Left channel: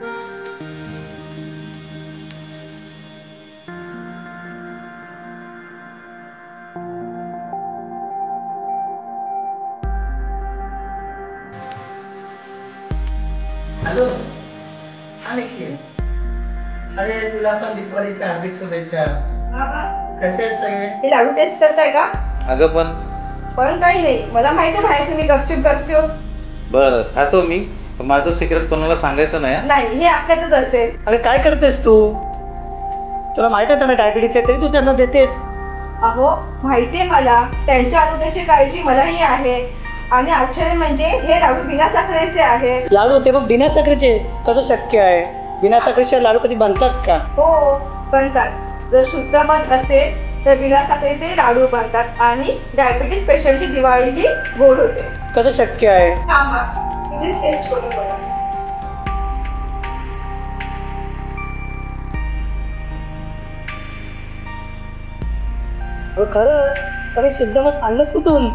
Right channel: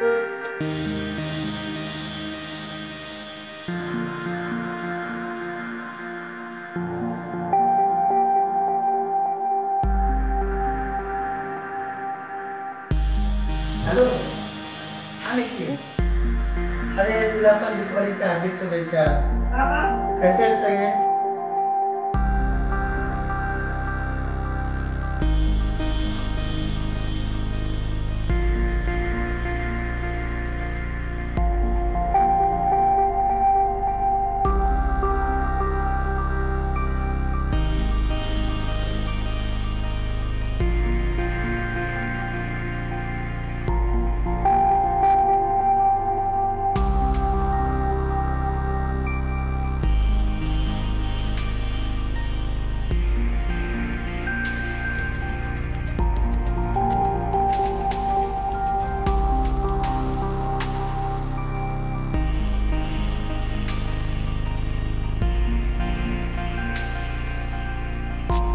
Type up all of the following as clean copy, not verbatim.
Hello. हा निकी. अरे तुला पण दीपावलीच्या हार्दिक शुभेच्छा. कसे आहेत सगळे? ते लाडू टेस्ट करताय का? अगं पण काही नाही, मला माहिती आहे तुम्ही गपचूप. बरं खातो मी, पण माझं सिक्रेट कोणाला सांगायचं नाही. नाही, हे आपल्यातच असेल. अरे काय करतेस तू? तुला माहित आहे त्यांना डायबिटीस आहे तरी तू त्यांना देतेस. अहो माहितीये मला, त्यांच्या आरोग्याची काळजी मलाही आहे. आणि आश्चर्य म्हणजे हे लाडू बिना साखरेचे आहेत. लाडू ते बघ बिना साखरेचे. कसं शक्य आहे? बिना साखरेचे लाडू कधी बनतात का? हो बनतात. जर शुद्ध मध असेल तर बिना साखरेचे लाडू बनतात आणि डायबिटीस पेशंटची दिवाळीही गोड होते. कसं शक्य आहे? तुम्ही टेस्ट करून बघा. खरं अरे शुद्ध मध आणलंच कुठून?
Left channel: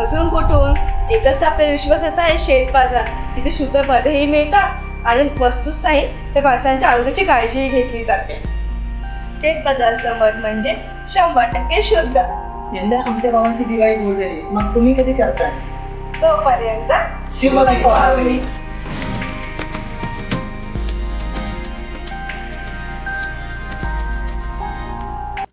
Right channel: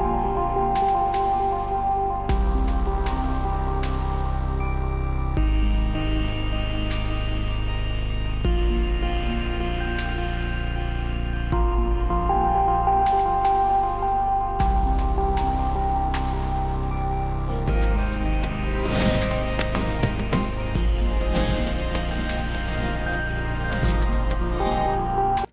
अजून कुठून? एकच आपल्या विश्वासाचा आहे शेत बाजार. तिथे शुद्ध मधही मिळतात आणि वस्तूच नाही तर माणसांच्या आरोग्याची काळजीही घेतली जाते. शेत बाजारचं मध म्हणजे 100% शुद्ध. यंदा आमच्या गावाची दिवाळी गोड झाली. मग तुम्ही कधी करताय? तोपर्यंत शुभ दीपावली.